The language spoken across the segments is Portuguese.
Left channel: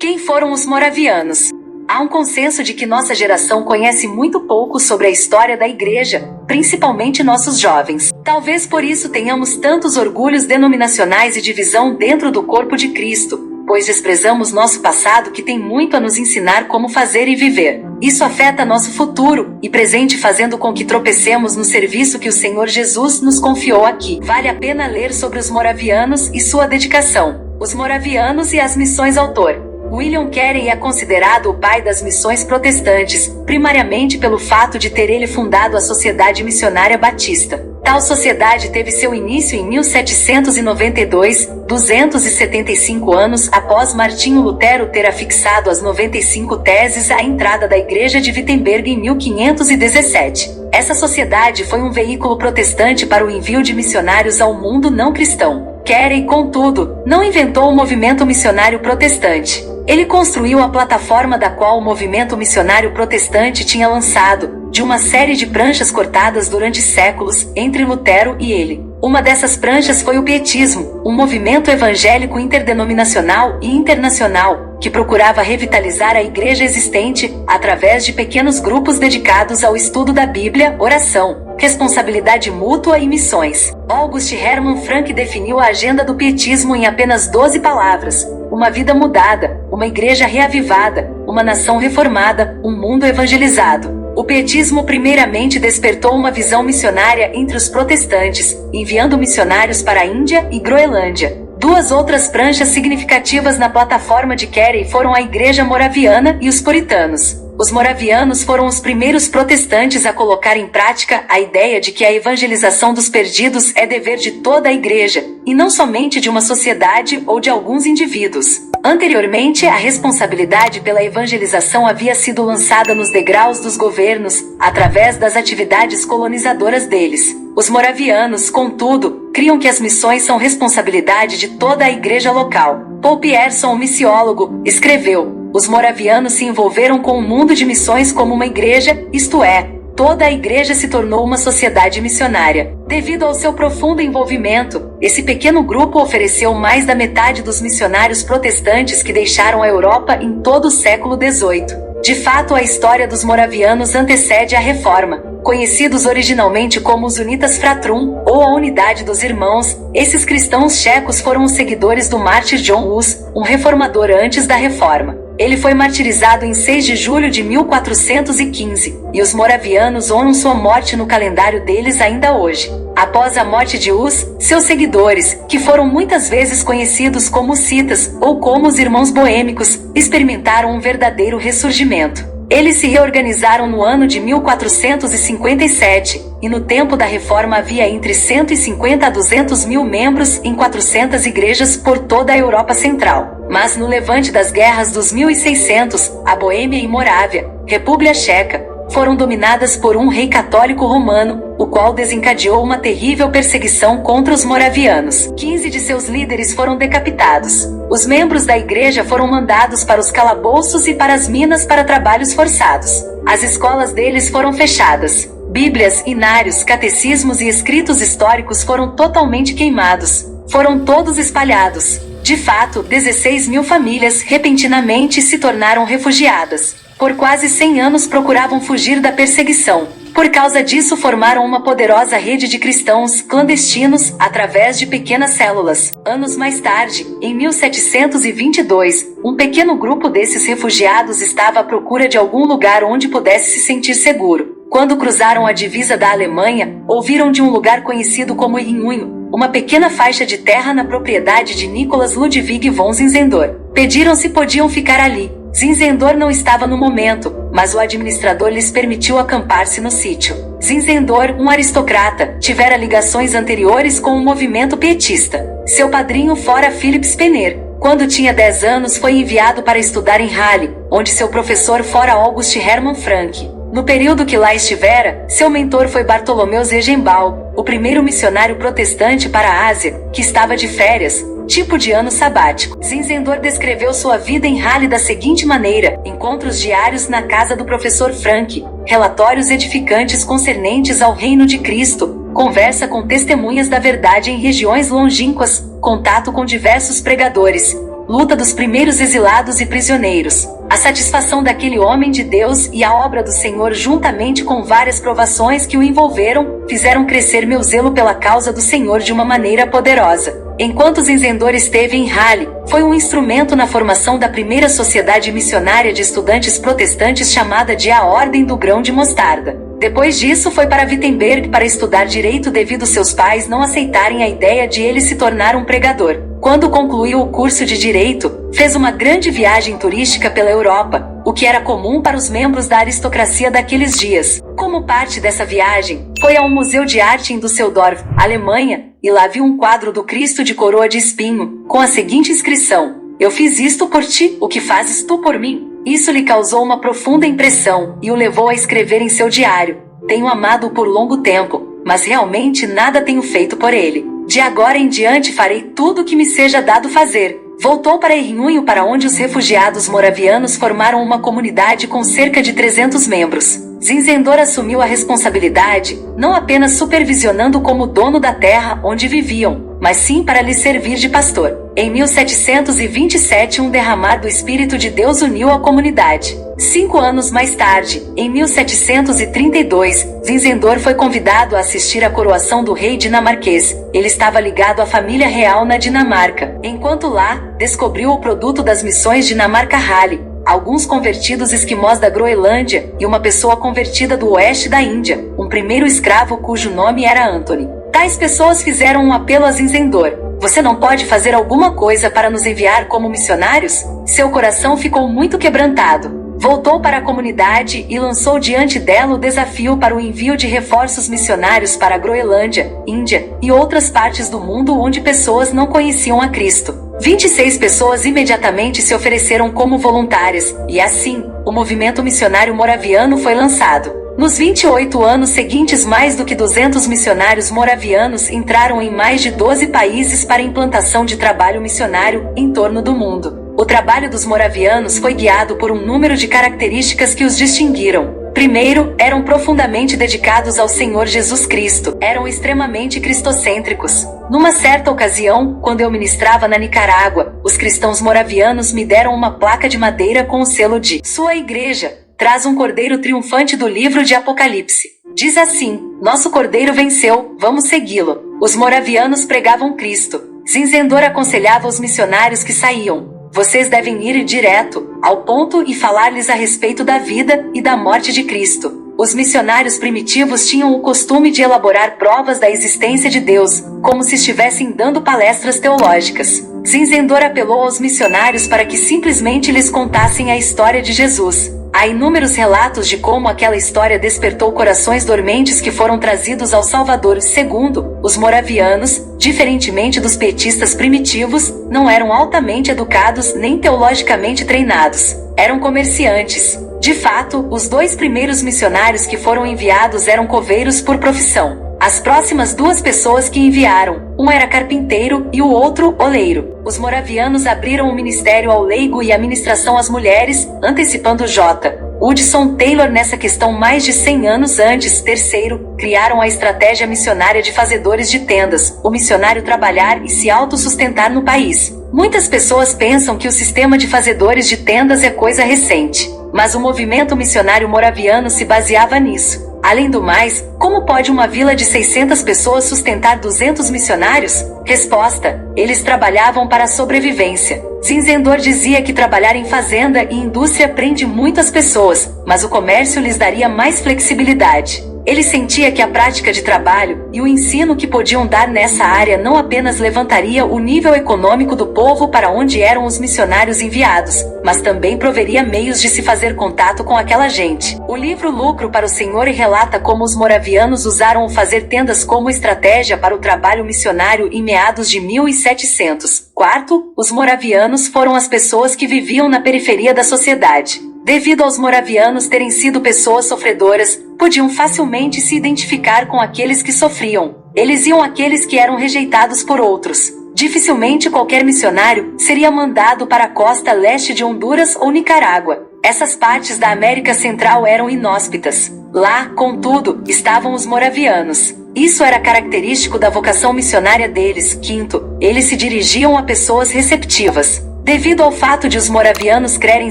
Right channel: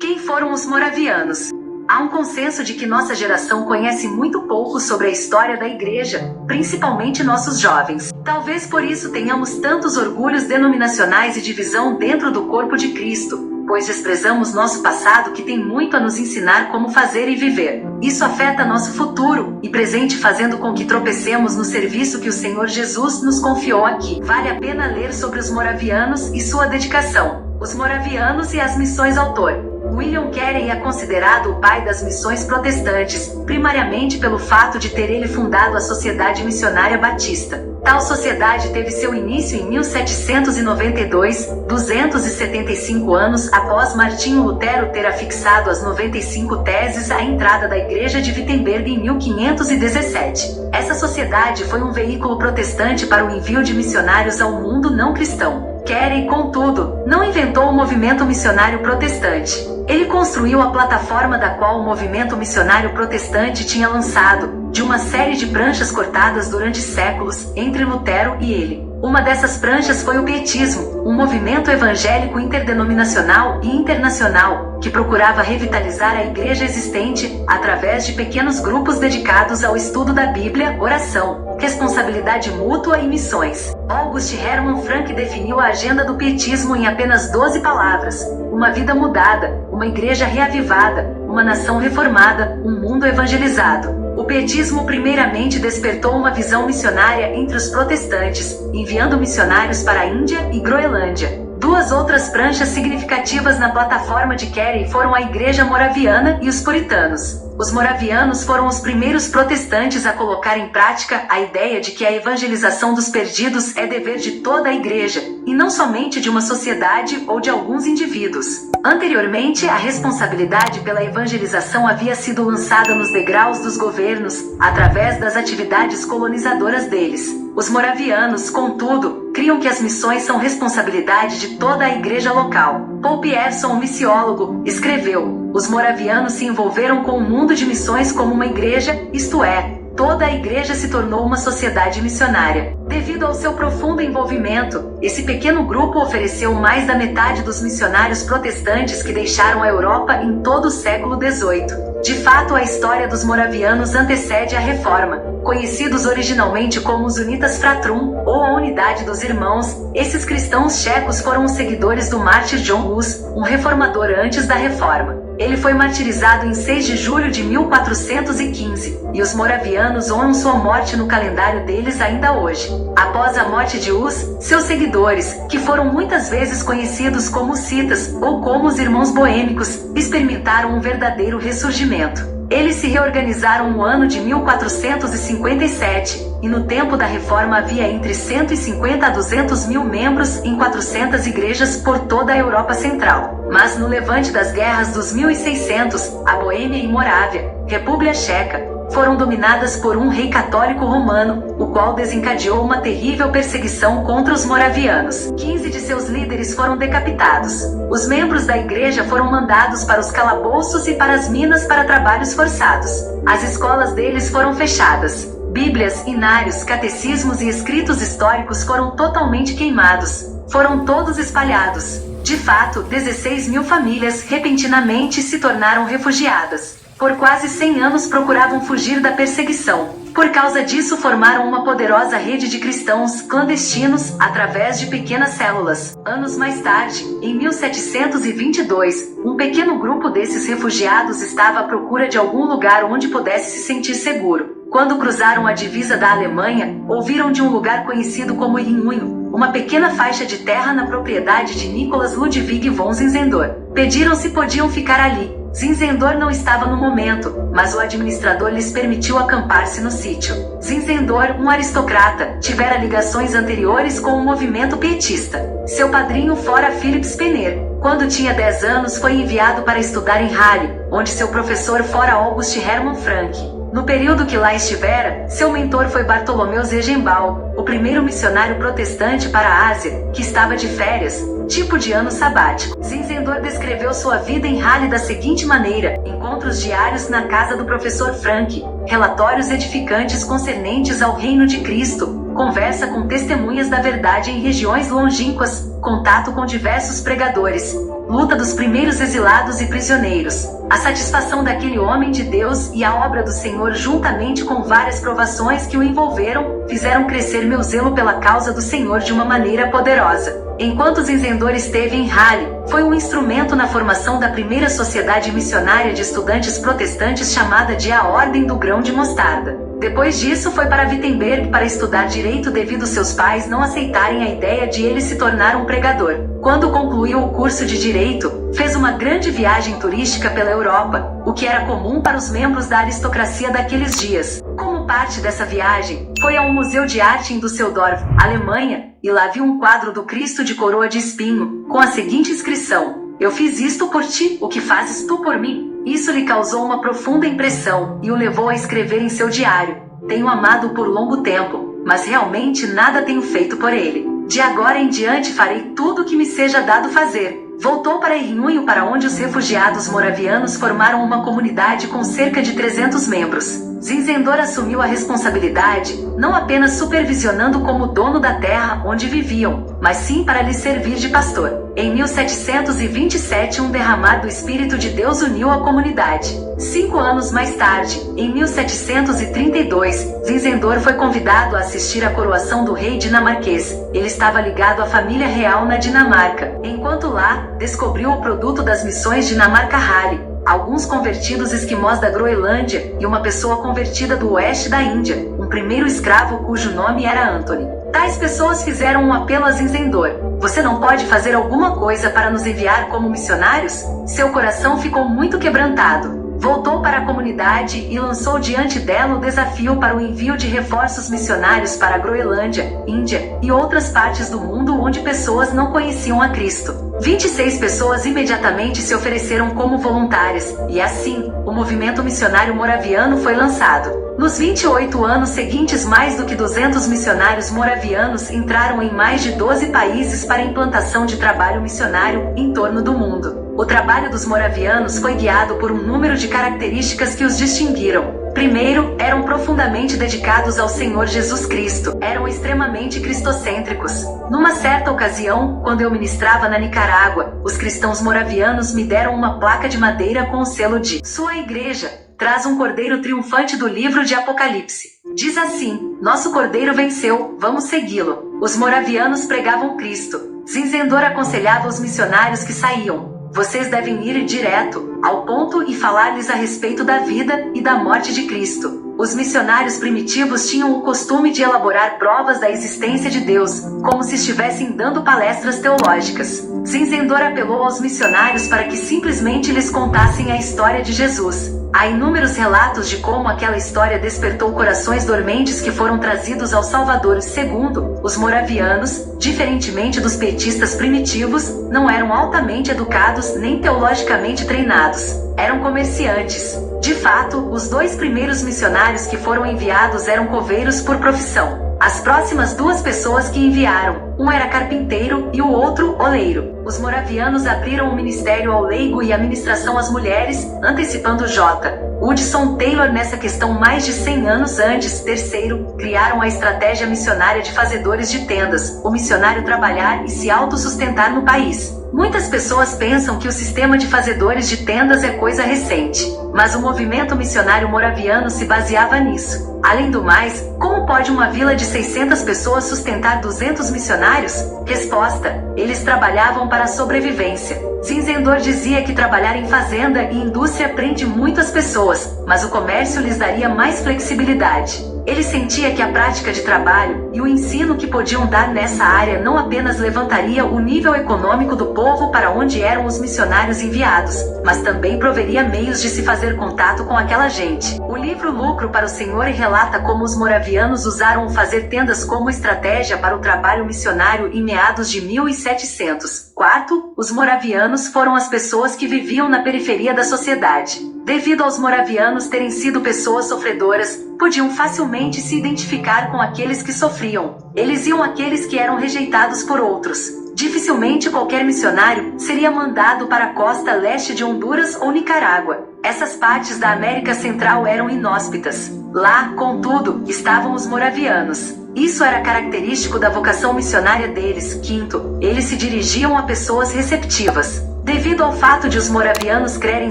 Quem foram os moravianos? Há um consenso de que nossa geração conhece muito pouco sobre a história da Igreja, principalmente nossos jovens. Talvez por isso tenhamos tantos orgulhos denominacionais e divisão dentro do corpo de Cristo, pois desprezamos nosso passado que tem muito a nos ensinar como fazer e viver. Isso afeta nosso futuro e presente, fazendo com que tropecemos no serviço que o Senhor Jesus nos confiou aqui. Vale a pena ler sobre os moravianos e sua dedicação. Os moravianos e as missões. Autor William Carey é considerado o pai das missões protestantes, primariamente pelo fato de ter ele fundado a Sociedade Missionária Batista. Tal sociedade teve seu início em 1792, 275 anos após Martinho Lutero ter afixado as 95 teses à entrada da Igreja de Wittenberg em 1517. Essa sociedade foi um veículo protestante para o envio de missionários ao mundo não cristão. Carey, contudo, não inventou o movimento missionário protestante. Ele construiu a plataforma da qual o movimento missionário protestante tinha lançado, de uma série de pranchas cortadas durante séculos, entre Lutero e ele. Uma dessas pranchas foi o Pietismo, um movimento evangélico interdenominacional e internacional, que procurava revitalizar a igreja existente, através de pequenos grupos dedicados ao estudo da Bíblia, oração, responsabilidade mútua e missões. August Hermann Frank definiu a agenda do Pietismo em apenas 12 palavras: uma vida mudada, uma igreja reavivada, uma nação reformada, um mundo evangelizado. O pietismo primeiramente despertou uma visão missionária entre os protestantes, enviando missionários para a Índia e Groenlândia. Duas outras pranchas significativas na plataforma de Carey foram a Igreja Moraviana e os Puritanos. Os moravianos foram os primeiros protestantes a colocar em prática a ideia de que a evangelização dos perdidos é dever de toda a igreja, e não somente de uma sociedade ou de alguns indivíduos. Anteriormente, a responsabilidade pela evangelização havia sido lançada nos degraus dos governos, através das atividades colonizadoras deles. Os moravianos, contudo, criam que as missões são responsabilidade de toda a igreja local. Paul Pierson, um missiólogo, escreveu: os moravianos se envolveram com o mundo de missões como uma igreja, isto é, toda a igreja se tornou uma sociedade missionária. Devido ao seu profundo envolvimento, esse pequeno grupo ofereceu mais da metade dos missionários protestantes que deixaram a Europa em todo o século XVIII. De fato, a história dos moravianos antecede a Reforma. Conhecidos originalmente como os Unitas Fratrum, ou a Unidade dos Irmãos, esses cristãos checos foram os seguidores do mártir John Hus, um reformador antes da Reforma. Ele foi martirizado em 6 de julho de 1415, e os moravianos honram sua morte no calendário deles ainda hoje. Após a morte de Hus, seus seguidores, que foram muitas vezes conhecidos como hussitas ou como os Irmãos Boêmicos, experimentaram um verdadeiro ressurgimento. Eles se reorganizaram no ano de 1457, e no tempo da Reforma havia entre 150 a 200 mil membros em 400 igrejas por toda a Europa Central. Mas no levante das guerras dos 1600, a Boêmia e Morávia, República Checa, foram dominadas por um rei católico romano, o qual desencadeou uma terrível perseguição contra os moravianos. 15 de seus líderes foram decapitados. Os membros da igreja foram mandados para os calabouços e para as minas para trabalhos forçados. As escolas deles foram fechadas. Bíblias, inários, catecismos e escritos históricos foram totalmente queimados. Foram todos espalhados. De fato, 16 mil famílias repentinamente se tornaram refugiadas. Por quase 100 anos procuravam fugir da perseguição. Por causa disso, formaram uma poderosa rede de cristãos clandestinos através de pequenas células. Anos mais tarde, em 1722, um pequeno grupo desses refugiados estava à procura de algum lugar onde pudesse se sentir seguro. Quando cruzaram a divisa da Alemanha, ouviram de um lugar conhecido como Rinhuinho, uma pequena faixa de terra na propriedade de Nicolas Ludwig von Zinzendorf. Pediram se podiam ficar ali. Zinzendorf não estava no momento, mas o administrador lhes permitiu acampar-se no sítio. Zinzendorf, um aristocrata, tivera ligações anteriores com o movimento pietista. Seu padrinho fora Philipp Spener. Quando tinha 10 anos, foi enviado para estudar em Halle, onde seu professor fora August Hermann Frank. No período que lá estivera, seu mentor foi Bartolomeu Ziegenbalg, o primeiro missionário protestante para a Ásia, que estava de férias, tipo de ano sabático. Zinzendorf descreveu sua vida em Halle da seguinte maneira: encontros diários na casa do professor Frank, relatórios edificantes concernentes ao reino de Cristo, conversa com testemunhas da verdade em regiões longínquas, contato com diversos pregadores. luta dos primeiros exilados e prisioneiros, a satisfação daquele homem de Deus e a obra do Senhor juntamente com várias provações que o envolveram, fizeram crescer meu zelo pela causa do Senhor de uma maneira poderosa. Enquanto Zinzendorf esteve em Halle, foi um instrumento na formação da primeira sociedade missionária de estudantes protestantes chamada de a Ordem do Grão de Mostarda. Depois disso foi para Wittenberg para estudar direito devido seus pais não aceitarem a ideia de ele se tornar um pregador. Quando concluiu o curso de direito, fez uma grande viagem turística pela Europa, o que era comum para os membros da aristocracia daqueles dias. Como parte dessa viagem, foi ao Museu de Arte em Düsseldorf, Alemanha, e lá viu um quadro do Cristo de coroa de espinho, com a seguinte inscrição: "Eu fiz isto por ti, o que fazes tu por mim?" Isso lhe causou uma profunda impressão e o levou a escrever em seu diário: "Tenho amado-o por longo tempo, mas realmente nada tenho feito por ele. De agora em diante farei tudo o que me seja dado fazer." Voltou para Errunho, para onde os refugiados moravianos formaram uma comunidade com cerca de 300 membros. Zinzendorf assumiu a responsabilidade, não apenas supervisionando como dono da terra onde viviam, mas sim para lhes servir de pastor. Em 1727, um derramar do Espírito de Deus uniu a comunidade. 5 anos mais tarde, em 1732, Zinzendorf foi convidado a assistir à coroação do rei dinamarquês. Ele estava ligado à família real na Dinamarca. Enquanto lá, descobriu o produto das missões Dinamarca-Halle, alguns convertidos esquimós da Groenlândia e uma pessoa convertida do oeste da Índia, um primeiro escravo cujo nome era Anthony. Tais pessoas fizeram um apelo a Zinzendorf: "Você não pode fazer alguma coisa para nos enviar como missionários?" Seu coração ficou muito quebrantado. Voltou para a comunidade e lançou diante dela o desafio para o envio de reforços missionários para a Groenlândia, Índia e outras partes do mundo onde pessoas não conheciam a Cristo. 26 pessoas imediatamente se ofereceram como voluntárias, e assim, o movimento missionário moraviano foi lançado. Nos 28 anos seguintes, mais do que 200 missionários moravianos entraram em mais de 12 países para a implantação de trabalho missionário em torno do mundo. O trabalho dos moravianos foi guiado por um número de características que os distinguiram. Primeiro, eram profundamente dedicados ao Senhor Jesus Cristo. Eram extremamente cristocêntricos. Numa certa ocasião, quando eu ministrava na Nicarágua, os cristãos moravianos me deram uma placa de madeira com o selo de "Sua Igreja traz um cordeiro triunfante do livro de Apocalipse. Diz assim: Nosso cordeiro venceu, vamos segui-lo." Os moravianos pregavam Cristo. Zinzendorf aconselhava os missionários que saíam: "Vocês devem ir direto ao ponto e falar-lhes a respeito da vida e da morte de Cristo." Os missionários primitivos tinham o costume de elaborar provas da existência de Deus, como se estivessem dando palestras teológicas. Zinzendorf apelou aos missionários para que simplesmente lhes contassem a história de Jesus. Há inúmeros relatos de como aquela história despertou corações dormentes que foram trazidos ao Salvador. Segundo, os moravianos, diferentemente dos pietistas primitivos, não eram altamente educados nem teologicamente treinados. Eram comerciantes. De fato, os 2 primeiros missionários que foram enviados eram coveiros por profissão. As próximas 2 pessoas que enviaram, um era carpinteiro e o outro oleiro. Os moravianos abriram o ministério ao leigo e a ministração às mulheres, antecipando J. Hudson Taylor nessa questão mais de 100 anos antes. Terceiro, criaram a estratégia missionária de fazedores de tendas, o missionário trabalhar e se autossustentar no país. Muitas pessoas pensam que o sistema de fazedores de tendas é coisa recente, mas o movimento missionário moraviano se baseava nisso. Além do mais, como pode uma vila de 600 pessoas sustentar 200 missionários? Resposta: eles trabalhavam para a sobrevivência. Zinzendorf dizia que trabalhar em fazenda e indústria prende muitas pessoas, mas o comércio lhes daria mais flexibilidade. Ele sentia que a prática de trabalho e o ensino que podiam dar nessa área não apenas levantaria o nível econômico do povo para onde eram os missionários enviados, mas também proveria meios de se fazer contato com aquela gente. O livro Lucro para o Senhor relata como os moravianos usaram o fazer tendas como estratégia para o trabalho missionário em meados de 1700. Quarto, os moravianos foram as pessoas que viviam na periferia da sociedade. Devido aos moravianos terem sido pessoas sofredoras, podiam facilmente se identificar com aqueles que sofriam. Eles iam àqueles que eram rejeitados por outros. Dificilmente qualquer missionário seria mandado para a costa leste de Honduras ou Nicarágua. Essas partes da América Central eram inóspitas. Lá, contudo, estavam os moravianos. Isso era característico da vocação missionária deles. Quinto, eles se dirigiam a pessoas receptivas. Devido ao fato de os moravianos crerem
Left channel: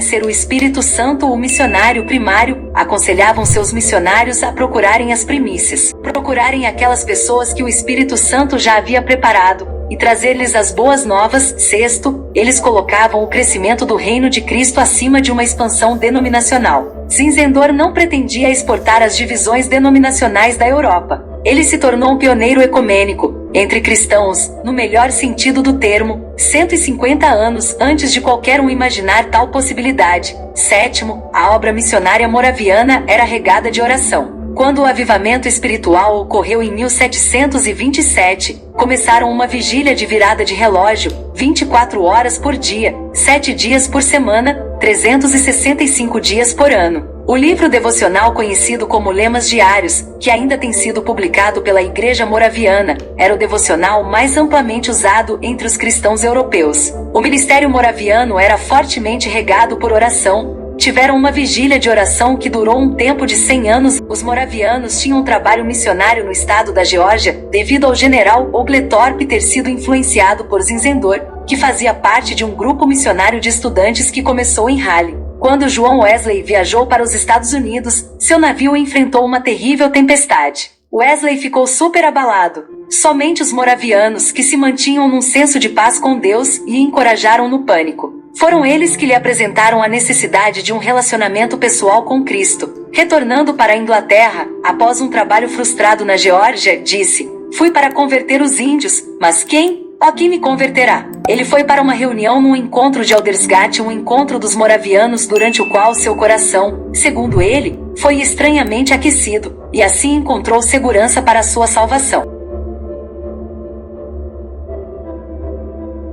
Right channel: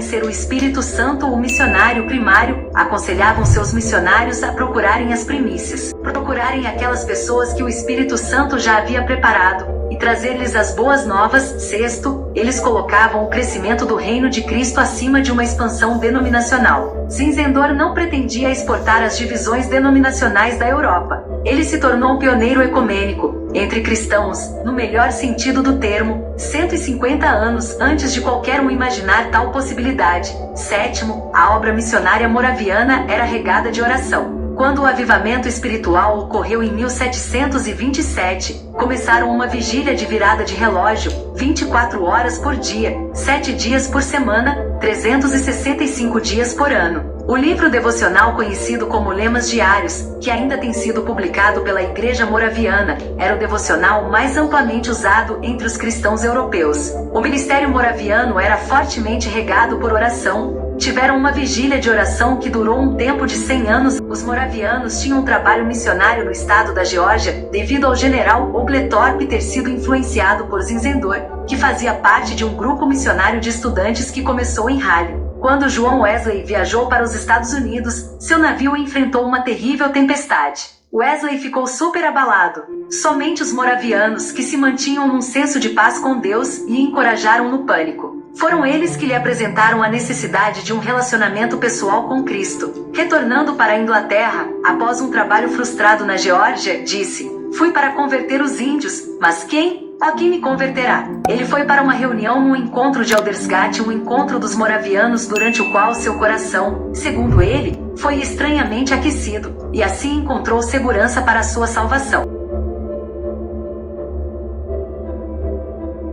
ser o Espírito Santo o missionário primário, aconselhavam seus missionários a procurarem as primícias, procurarem aquelas pessoas que o Espírito Santo já havia preparado, e trazer-lhes as boas novas. Sexto, eles colocavam o crescimento do reino de Cristo acima de uma expansão denominacional. Zinzendorf não pretendia exportar as divisões denominacionais da Europa. Ele se tornou um pioneiro ecumênico, entre cristãos, no melhor sentido do termo, 150 anos antes de qualquer um imaginar tal possibilidade. Sétimo, a obra missionária moraviana era regada de oração. Quando o avivamento espiritual ocorreu em 1727, começaram uma vigília de virada de relógio, 24 horas por dia, 7 dias por semana, 365 dias por ano. O livro devocional conhecido como Lemas Diários, que ainda tem sido publicado pela Igreja Moraviana, era o devocional mais amplamente usado entre os cristãos europeus. O ministério moraviano era fortemente regado por oração. Tiveram uma vigília de oração que durou um tempo de 100 anos. Os moravianos tinham um trabalho missionário no estado da Geórgia, devido ao general Oglethorpe ter sido influenciado por Zinzendorf, que fazia parte de um grupo missionário de estudantes que começou em Halle. Quando John Wesley viajou para os Estados Unidos, seu navio enfrentou uma terrível tempestade. Wesley ficou super abalado. Somente os moravianos, que se mantinham num senso de paz com Deus, e encorajaram no pânico. Foram eles que lhe apresentaram a necessidade de um relacionamento pessoal com Cristo. Retornando para a Inglaterra, após um trabalho frustrado na Geórgia, disse: "Fui para converter os índios, mas quem? Ó, quem me converterá?" Ele foi para uma reunião num encontro de Aldersgate, um encontro dos moravianos durante o qual seu coração, segundo ele, foi estranhamente aquecido, e assim encontrou segurança para a sua salvação.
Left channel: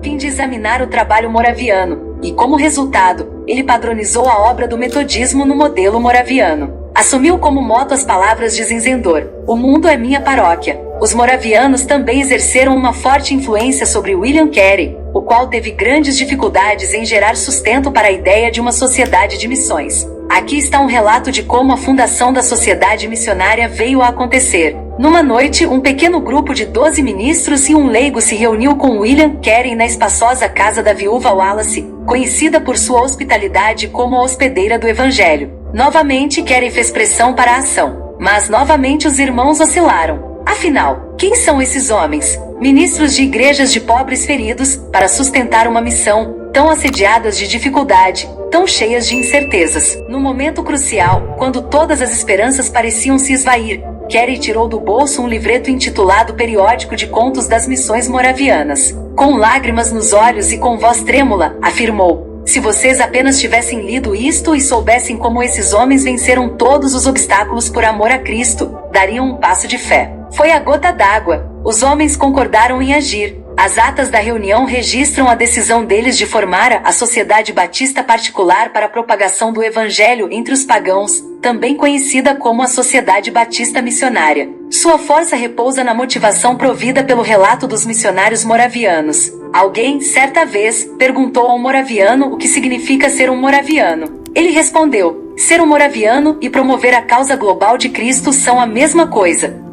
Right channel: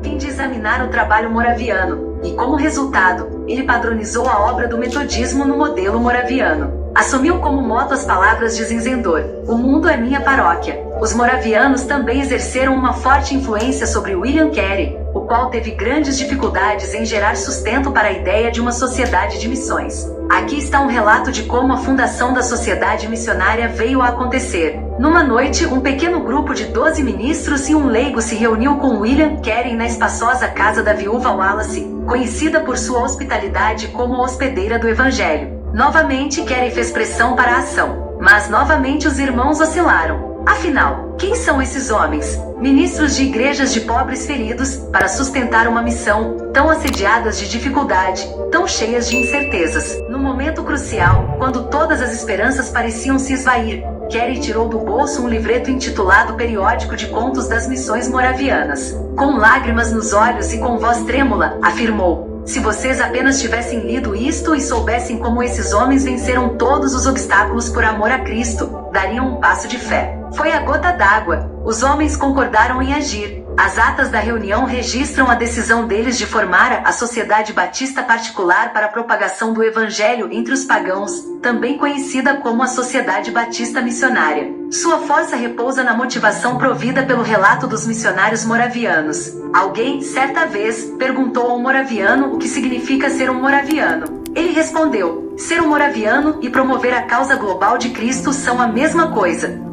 Fim de examinar o trabalho moraviano, e como resultado, ele padronizou a obra do metodismo no modelo moraviano. Assumiu como moto as palavras de Zinzendorf: "O mundo é minha paróquia." Os moravianos também exerceram uma forte influência sobre William Carey, o qual teve grandes dificuldades em gerar sustento para a ideia de uma sociedade de missões. Aqui está um relato de como a fundação da sociedade missionária veio a acontecer. Numa noite, um pequeno grupo de 12 ministros e um leigo se reuniu com William Carey na espaçosa casa da viúva Wallace, conhecida por sua hospitalidade como a hospedeira do Evangelho. Novamente Carey fez pressão para a ação, mas novamente os irmãos oscilaram. Afinal, quem são esses homens, ministros de igrejas de pobres feridos, para sustentar uma missão, tão assediadas de dificuldade, tão cheias de incertezas? No momento crucial, quando todas as esperanças pareciam se esvair, Carey tirou do bolso um livreto intitulado Periódico de Contos das Missões Moravianas. Com lágrimas nos olhos e com voz trêmula, afirmou: "Se vocês apenas tivessem lido isto e soubessem como esses homens venceram todos os obstáculos por amor a Cristo, dariam um passo de fé." Foi a gota d'água. Os homens concordaram em agir. As atas da reunião registram a decisão deles de formar a Sociedade Batista Particular para a Propagação do Evangelho entre os Pagãos, também conhecida como a Sociedade Batista Missionária. Sua força repousa na motivação provida pelo relato dos missionários moravianos. Alguém, certa vez, perguntou a um moraviano o que significa ser um moraviano. Ele respondeu: "Ser um moraviano e promover a causa global de Cristo são a mesma coisa."